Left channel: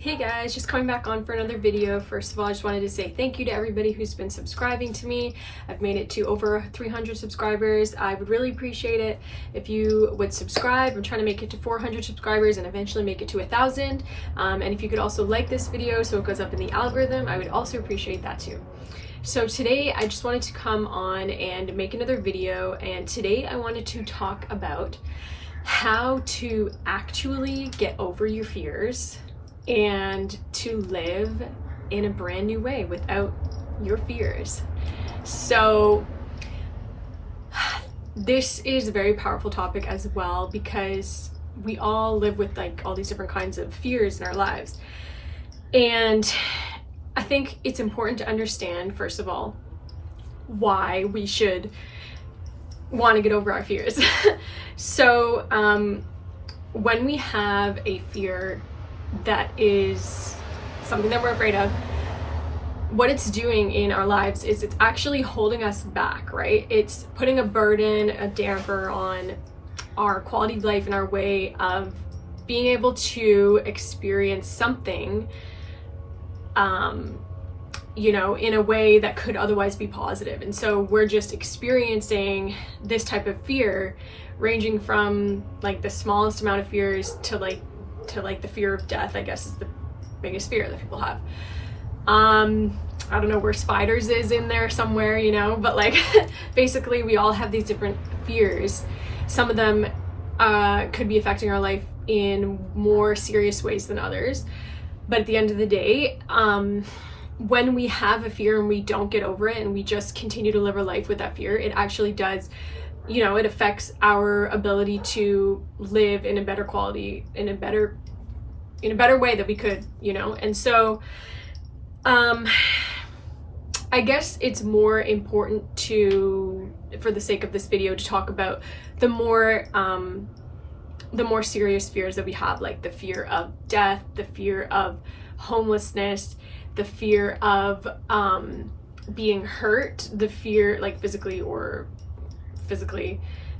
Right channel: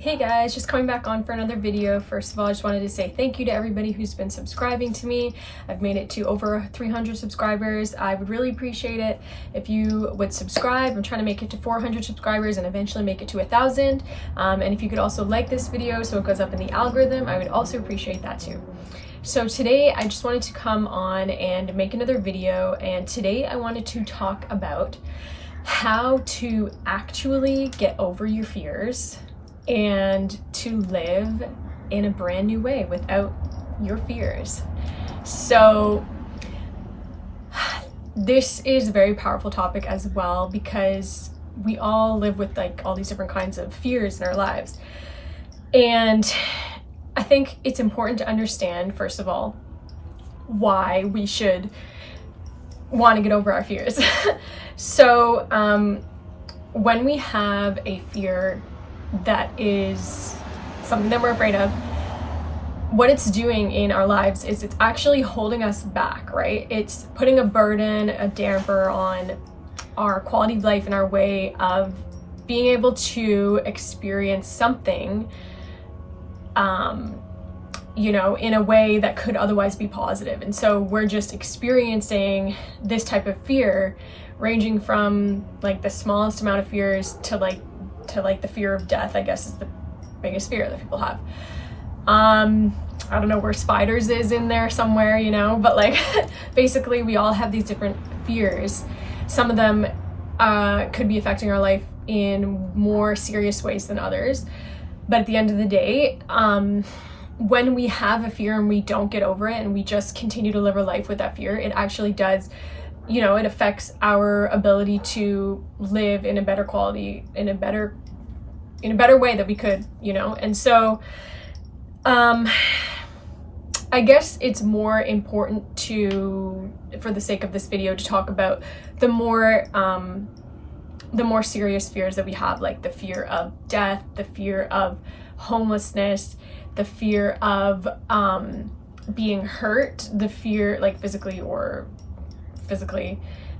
Hey guys, just coming back on for another video. First of all, I just wanted to say thank you to everybody who's been subscribing to me. I've made it to over 300 subscribers. I would really appreciate it if you would subscribe. I'm trying to make it to 400 subscribers and eventually make it to 1,000. And if you could also like this video so it goes up in the algorithm, I would also appreciate that too. So today I just wanted to come on and make another video, and today I wanted to talk about how to actually get over your fears and to live in a brand new way without your fears. So this is a very powerful topic as well, because we all live with like all these different kinds of fears in our lives. And I think it's important to understand, first of all, why we should want to get over our fears. So when we have a fear that is something that we're afraid of, what it's doing in our lives is it's actually holding us back, right? It's putting a burden, a damper on our quality of life and our way of being able to experience something, in a way that could otherwise be positive. And so we're just experiencing this type of fear, ranging from like the smallest amount of fears to the fear of death, I guess, is the biggest fear that people have. I don't know where spiders is in there somewhere, but like basically we all have these different fears. Some of them could be affecting our life in more serious ways than others. But at the end of the day, when we have a fear and we don't get over it and we just continue to live our life with that fear, it actually does, it affects our ability to live in a better quality, in a better way that we could, And so, I guess it's more important for the sake of this video, to talk about the more serious fears that we have, like the fear of death, the fear of homelessness, the fear of being hurt, the fear like physically,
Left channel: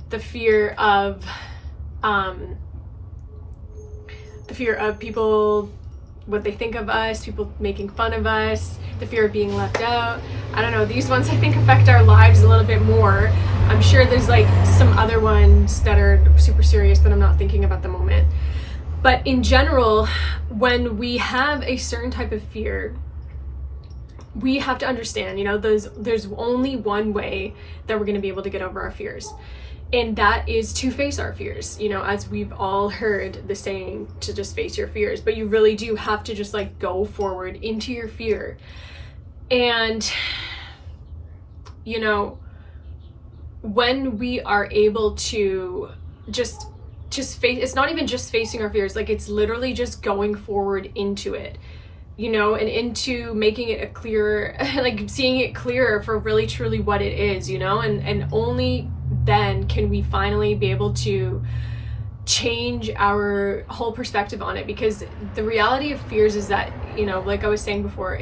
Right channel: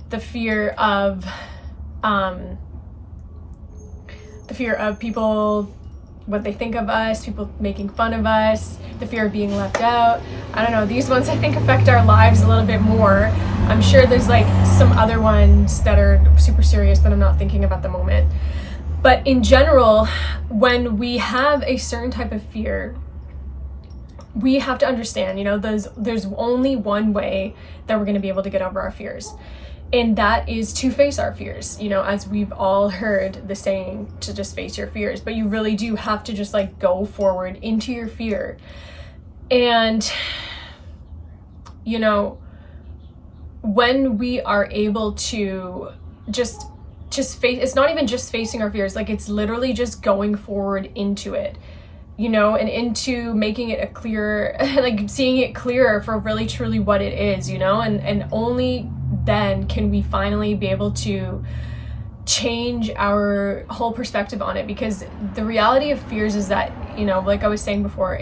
the fear of people, what they think of us, people making fun of us, the fear of being left out. I don't know, these ones I think affect our lives a little bit more. I'm sure there's like some other ones that are super serious that I'm not thinking of at the moment. But in general, when we have a certain type of fear, we have to understand, there's only one way that we're going to be able to get over our fears. And that is to face our fears, as we've all heard the saying, to just face your fears. But you really do have to just like go forward into your fear. And, when we are able to just face, it's not even just facing our fears, like it's literally just going forward into it, and into making it a clearer, like seeing it clearer for really truly what it is, and only then can we finally be able to change our whole perspective on it. Because the reality of fears is that, like I was saying before,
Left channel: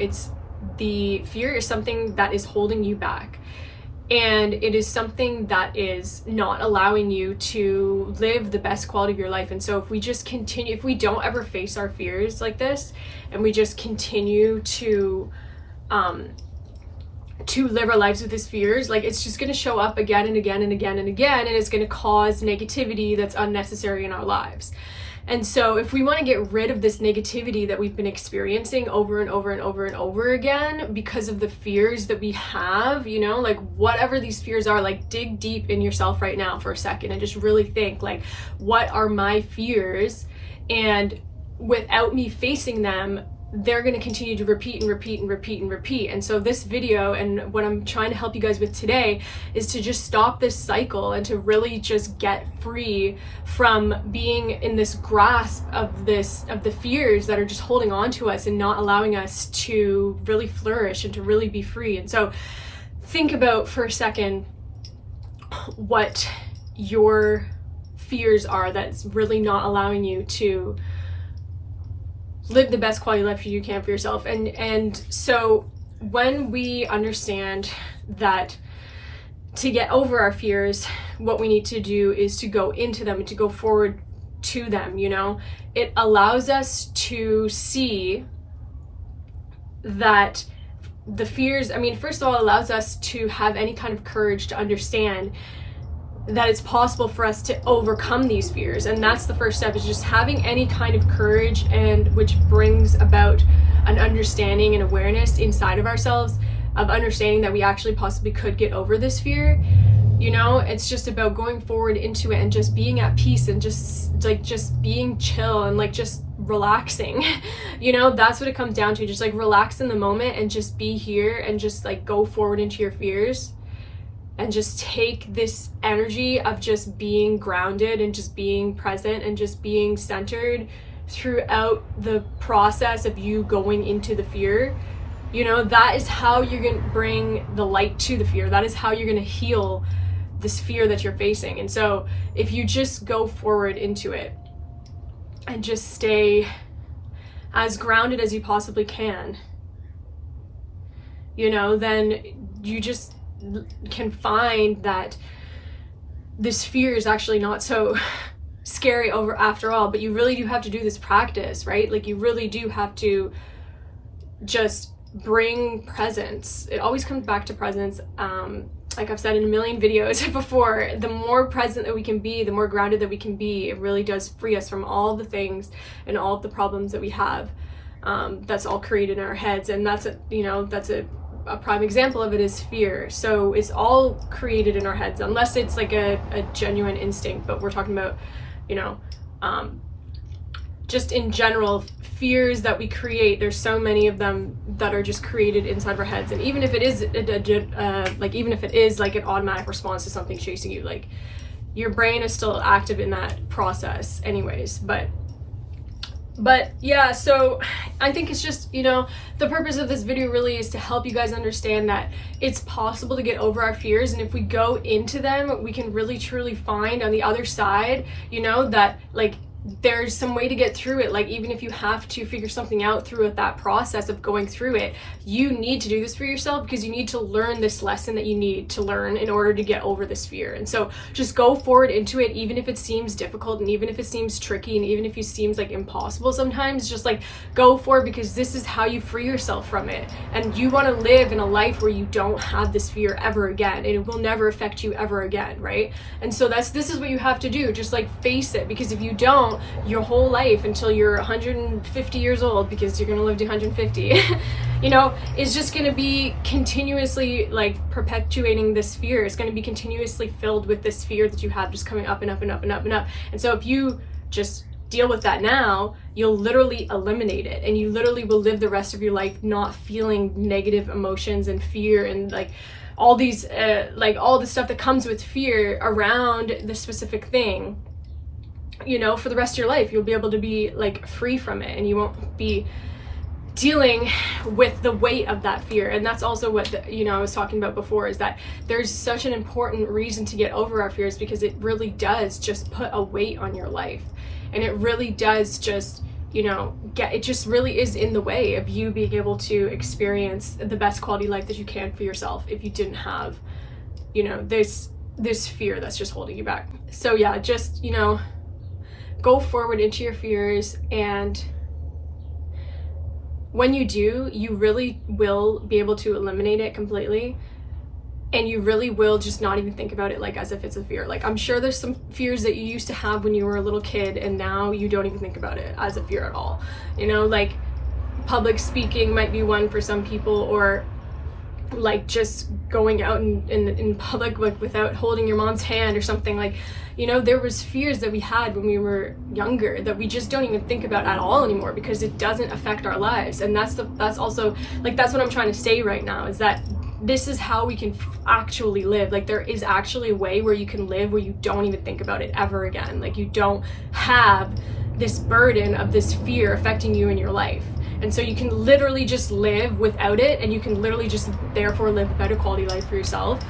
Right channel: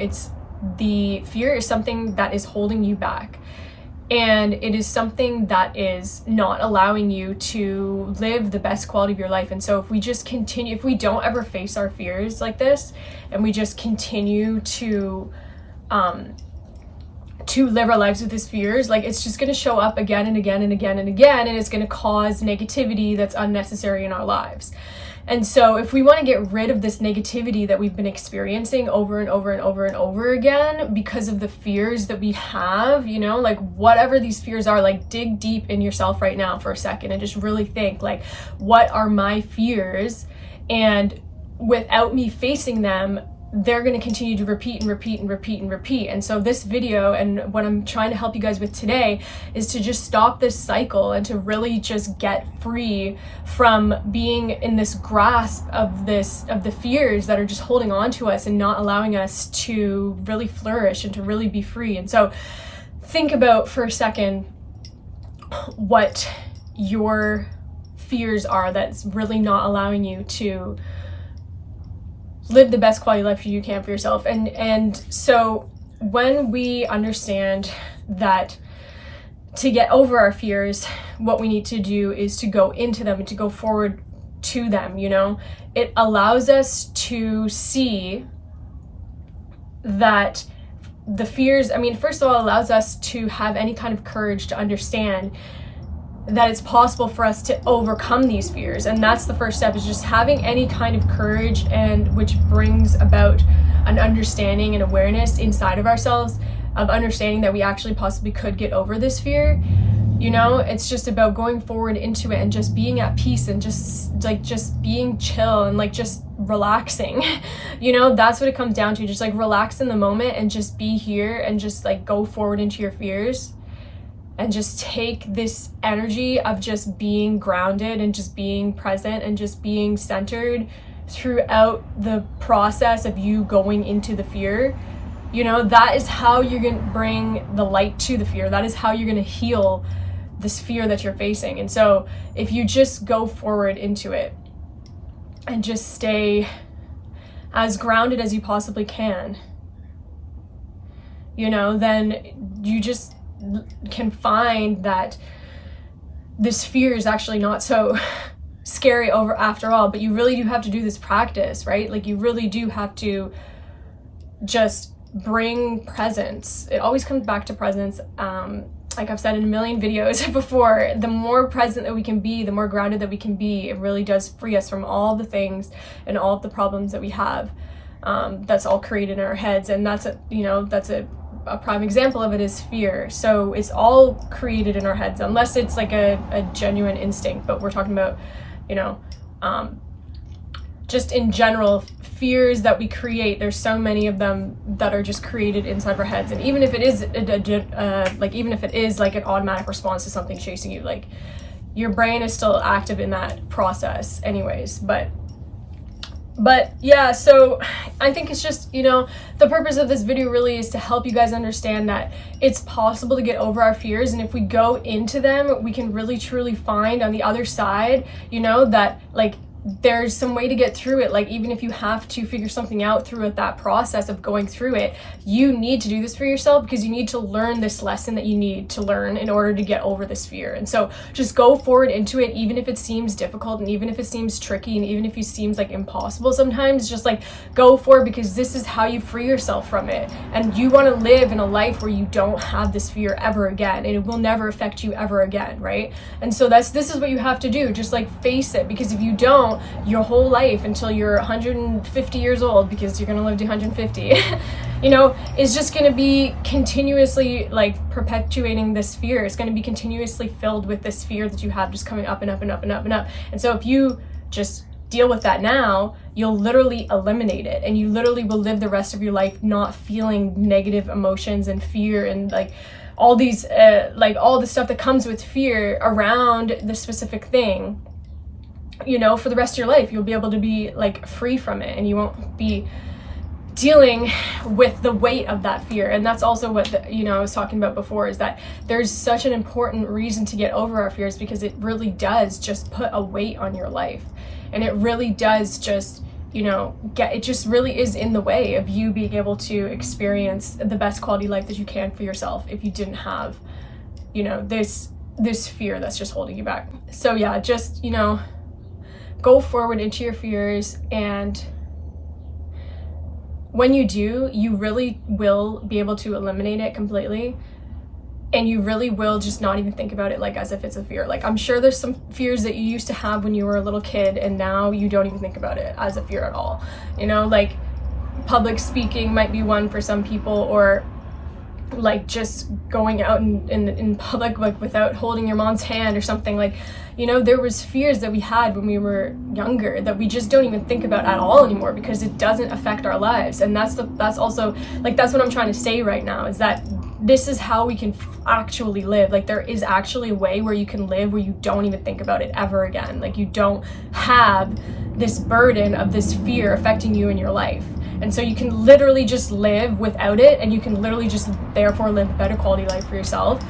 the fear is something that is holding you back. And it is something that is not allowing you to live the best quality of your life. And so if we just continue, if we don't ever face our fears like this, and we just continue to live our lives with these fears, like it's just going to show up again and again and again and again, and it's going to cause negativity that's unnecessary in our lives. And so if we want to get rid of this negativity that we've been experiencing over and over and over and over again because of the fears that we have, like whatever these fears are, like dig deep in yourself right now for a second and just really think, like, what are my fears? And without me facing them, they're going to continue to repeat and repeat and repeat and repeat. And so this video, and what I'm trying to help you guys with today, is to just stop this cycle and to really just get free from being in this grasp of the fears that are just holding on to us and not allowing us to really flourish and to really be free. And so think about for a second what your fears are that's really not allowing you to live the best quality life you can for yourself. And so when we understand that to get over our fears, what we need to do is to go into them and to go forward to them, you know? It allows us to see that the fears, I mean, first of all, it allows us to have any kind of courage to understand that it's possible for us to overcome these fears. And that's the first step, is just having any kind of courage, and which brings about an understanding and awareness inside of ourselves of understanding that we actually possibly could get over this fear. You know, it's just about going forward into it and just being at peace and just being chill and like just relaxing. You know, that's what it comes down to. Just like relax in the moment and just be here and just like go forward into your fears and just take this energy of just being grounded and just being present and just being centered throughout the process of you going into the fear. You know, that is how you're gonna bring the light to the fear. That is how you're gonna heal this fear that you're facing. And so if you just go forward into it and just stay as grounded as you possibly can, you know, then you just can find that this fear is actually not so scary over after all. But you really do have to do this practice, right? Like you really do have to just bring presence. It always comes back to presence. Like I've said in a million videos before, the more present that we can be, the more grounded that we can be, it really does free us from all the things and all of the problems that we have. That's all created in our heads. And that's a prime example of it is fear. So it's all created in our heads, unless it's like a genuine instinct. But we're talking about, you know, just in general, fears that we create. There's so many of them that are just created inside of our heads. And even if it is even if it is like an automatic response to something chasing you, like your brain is still active in that process anyways. But yeah, so I think it's just, you know, the purpose of this video really is to help you guys understand that it's possible to get over our fears. And if we go into them, we can really truly find on the other side, you know, that like there's some way to get through it. Like even if you have to figure something out through that process of going through it, you need to do this for yourself, because you need to learn this lesson that you need to learn in order to get over this fear. And so just go forward into it, even if it seems difficult and even if it seems tricky and even if it seems like impossible sometimes. Just like go for it, because this is how you free yourself from it. And you want to live in a life where you don't have this fear ever again, and it will never affect you ever again, right? And so this is what you have to do. Just like face it, because if you don't, your whole life until you're 150 years old, because you're going to live to 150, you know, is just going to be continuously like perpetuating this fear. It's going to be continuously filled with this fear that you have, just coming up and up and up and up and up. And so if you just deal with that now, you'll literally eliminate it, and you literally will live the rest of your life not feeling negative emotions and fear and like all these like all the stuff that comes with fear around the specific thing. You know, for the rest of your life, you'll be able to be like free from it, and you won't be dealing with the weight of that fear. And that's also what I was talking about before, is that there's such an important reason to get over our fears, because it really does just put a weight on your life, and it really does just, you know, it just really is in the way of you being able to experience the best quality life that you can for yourself if you didn't have, you know, this fear that's just holding you back. So yeah, just, you know, go forward into your fears, and when you do, you really will be able to eliminate it completely, and you really will just not even think about it like as if it's a fear. Like I'm sure there's some fears that you used to have when you were a little kid, and now you don't even think about it as a fear at all. You know, like public speaking might be one for some people, or like just going out in public like without holding your mom's hand or something. Like, you know, there was fears that we had when we were younger that we just don't even think about at all anymore, because it doesn't affect our lives. And that's also like, that's what I'm trying to say right now, is that this is how we can actually live. Like there is actually a way where you can live where you don't even think about it ever again. Like you don't have this burden of this fear affecting you in your life. And so you can literally just live without it, and you can literally just therefore live a better quality life for yourself.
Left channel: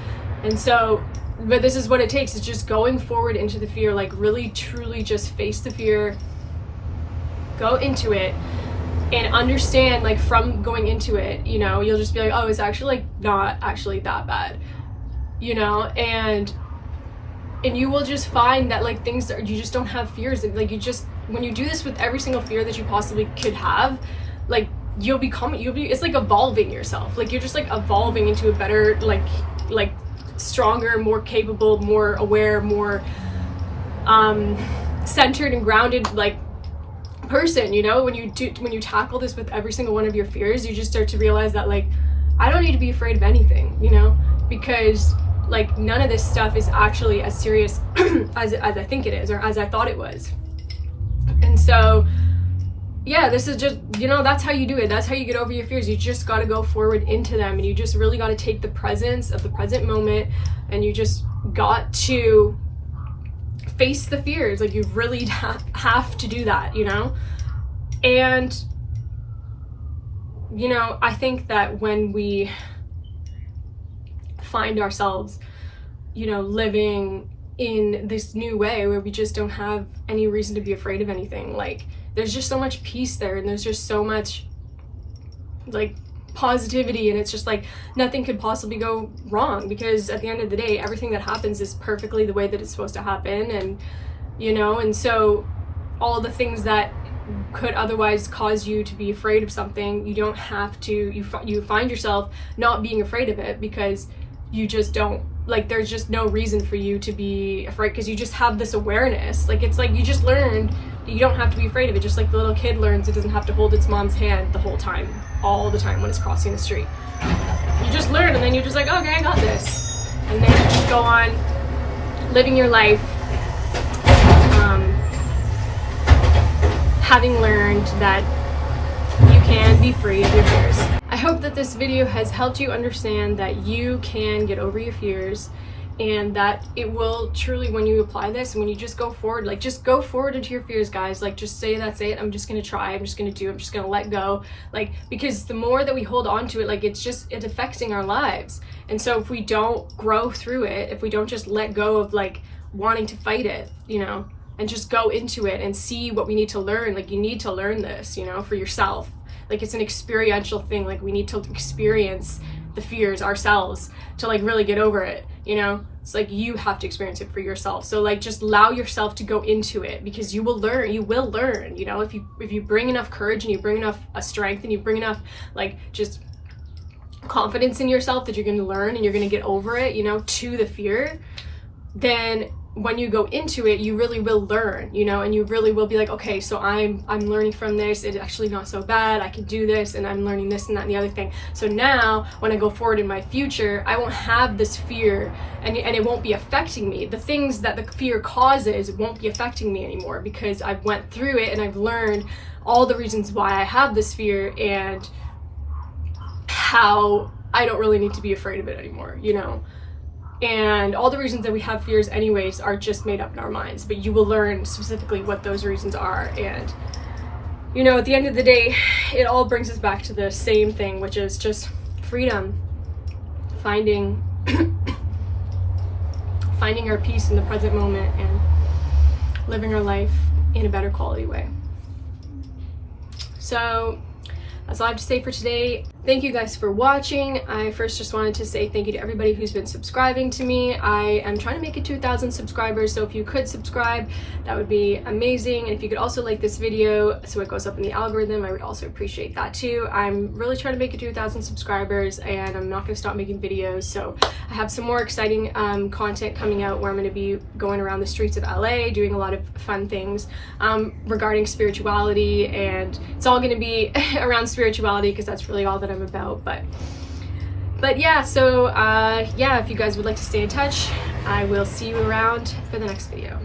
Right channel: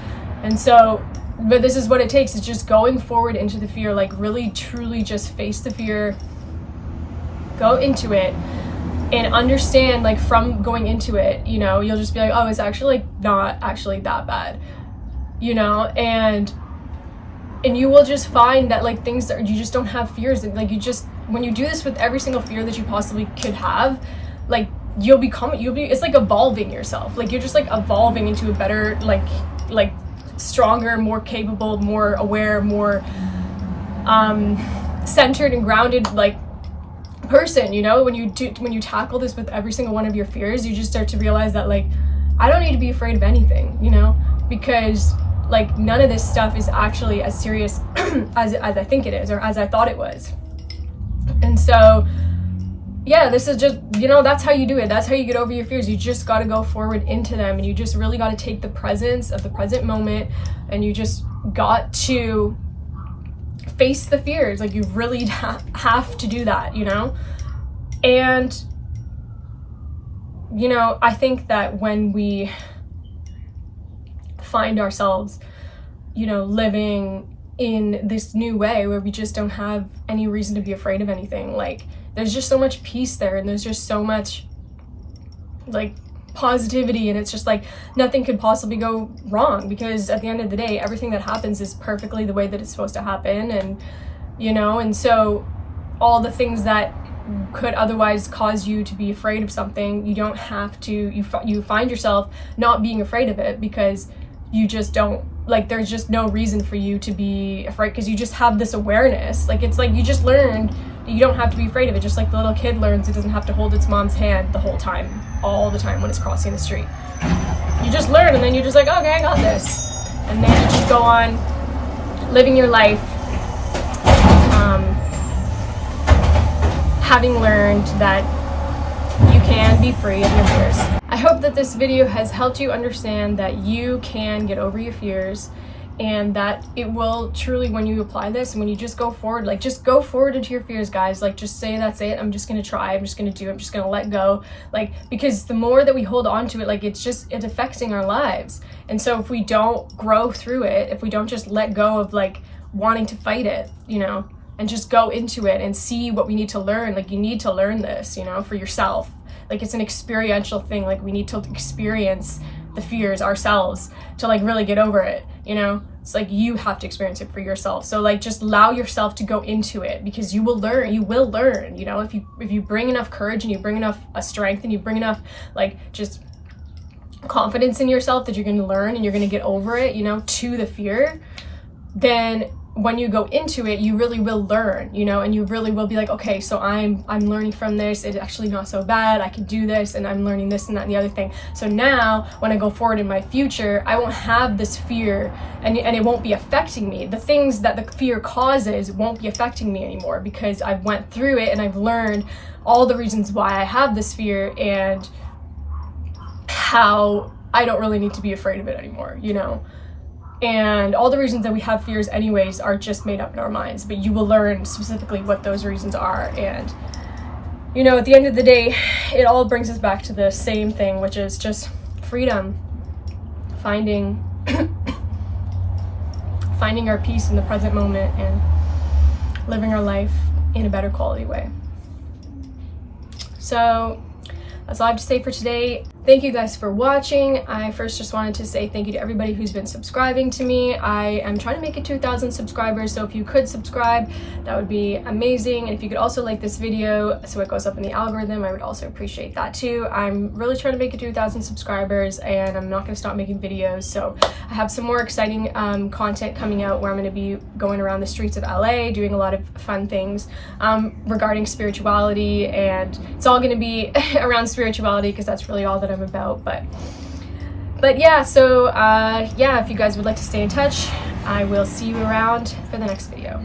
And so, but this is what it takes, is just going forward into the fear, like really truly just face the fear, go into it, and understand, like from going into it, you know, you'll just be like, oh, it's actually like not actually that bad, you know. And and you will just find that like things that you just don't have fears, and like you just, when you do this with every single fear that you possibly could have, like you'll be, it's like evolving yourself, like you're just like evolving into a better, like stronger, more capable, more aware, more centered and grounded like person, you know. When you tackle this with every single one of your fears, you just start to realize that like I don't need to be afraid of anything, you know, because like none of this stuff is actually as serious as I think it is, or as I thought it was. And so yeah, this is just, you know, that's how you do it. That's how you get over your fears. You just got to go forward into them, and you just really got to take the presence of the present moment, and you just got to face the fears. Like you really have to do that, you know. And you know, I think that when we find ourselves, you know, living in this new way where we just don't have any reason to be afraid of anything, like there's just so much peace there, and there's just so much like positivity, and it's just like nothing could possibly go wrong, because at the end of the day everything that happens is perfectly the way that it's supposed to happen. And you know, and so all the things that could otherwise cause you to be afraid of something, you don't have to, you find yourself not being afraid of it, because you just don't, like there's just no reason for you to be afraid, because you just have this awareness. Like it's like you just learned that you don't have to be afraid of it, just like the little kid learns it doesn't have to hold its mom's hand the whole time, all the time when it's crossing the street. You just learn, and then you're just like, okay, I got this, and then you just go on living your life, having learned that you can be free of your fears. I hope that this video has helped you understand that you can get over your fears, and that it will truly, when you apply this and when you just go forward, like just go forward into your fears, guys. Like just say, that's it, I'm just gonna try, I'm just gonna do, I'm just gonna let go. Like, because the more that we hold on to it, like it's affecting our lives. And so if we don't grow through it, if we don't just let go of like wanting to fight it, you know, and just go into it and see what we need to learn, like you need to learn this, you know, for yourself. Like it's an experiential thing. Like we need to experience the fears ourselves to like really get over it, you know. It's like you have to experience it for yourself. So like just allow yourself to go into it, because you will learn, you know, if you bring enough courage, and you bring enough strength, and you bring enough like just confidence in yourself that you're going to learn and you're going to get over it, you know, to the fear, then when you go into it, you really will learn, you know, and you really will be like, okay, so I'm learning from this, it's actually not so bad, I can do this, and I'm learning this and that and the other thing. So now when I go forward in my future, I won't have this fear, and it won't be affecting me. The things that the fear causes won't be affecting me anymore, because I've went through it and I've learned all the reasons why I have this fear, and how I don't really need to be afraid of it anymore, you know. And all the reasons that we have fears anyways are just made up in our minds, but you will learn specifically what those reasons are. And you know, at the end of the day, it all brings us back to the same thing, which is just freedom, finding our peace in the present moment, and living our life in a better quality way. So that's all I have to say for today. Thank you guys for watching. I first just wanted to say thank you to everybody who's been subscribing to me. I am trying to make it 2,000 subscribers, so if you could subscribe, that would be amazing. And if you could also like this video so it goes up in the algorithm, I would also appreciate that too. I'm really trying to make it 2,000 subscribers, and I'm not going to stop making videos. So I have some more exciting content coming out where I'm going to be going around the streets of LA doing a lot of fun things regarding spirituality, and it's all going to be around spirituality because that's really all that I'm about. But yeah, so yeah, if you guys would like to stay in touch, I will see you around for the next video.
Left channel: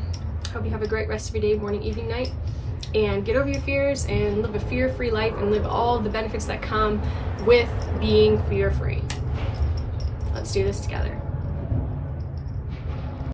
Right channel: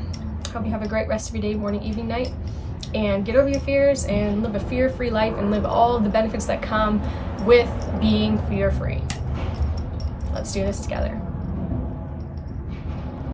Hope you have a great rest of your day, morning, evening, night, and get over your fears and live a fear-free life, and live all the benefits that come with being fear-free. Let's do this together.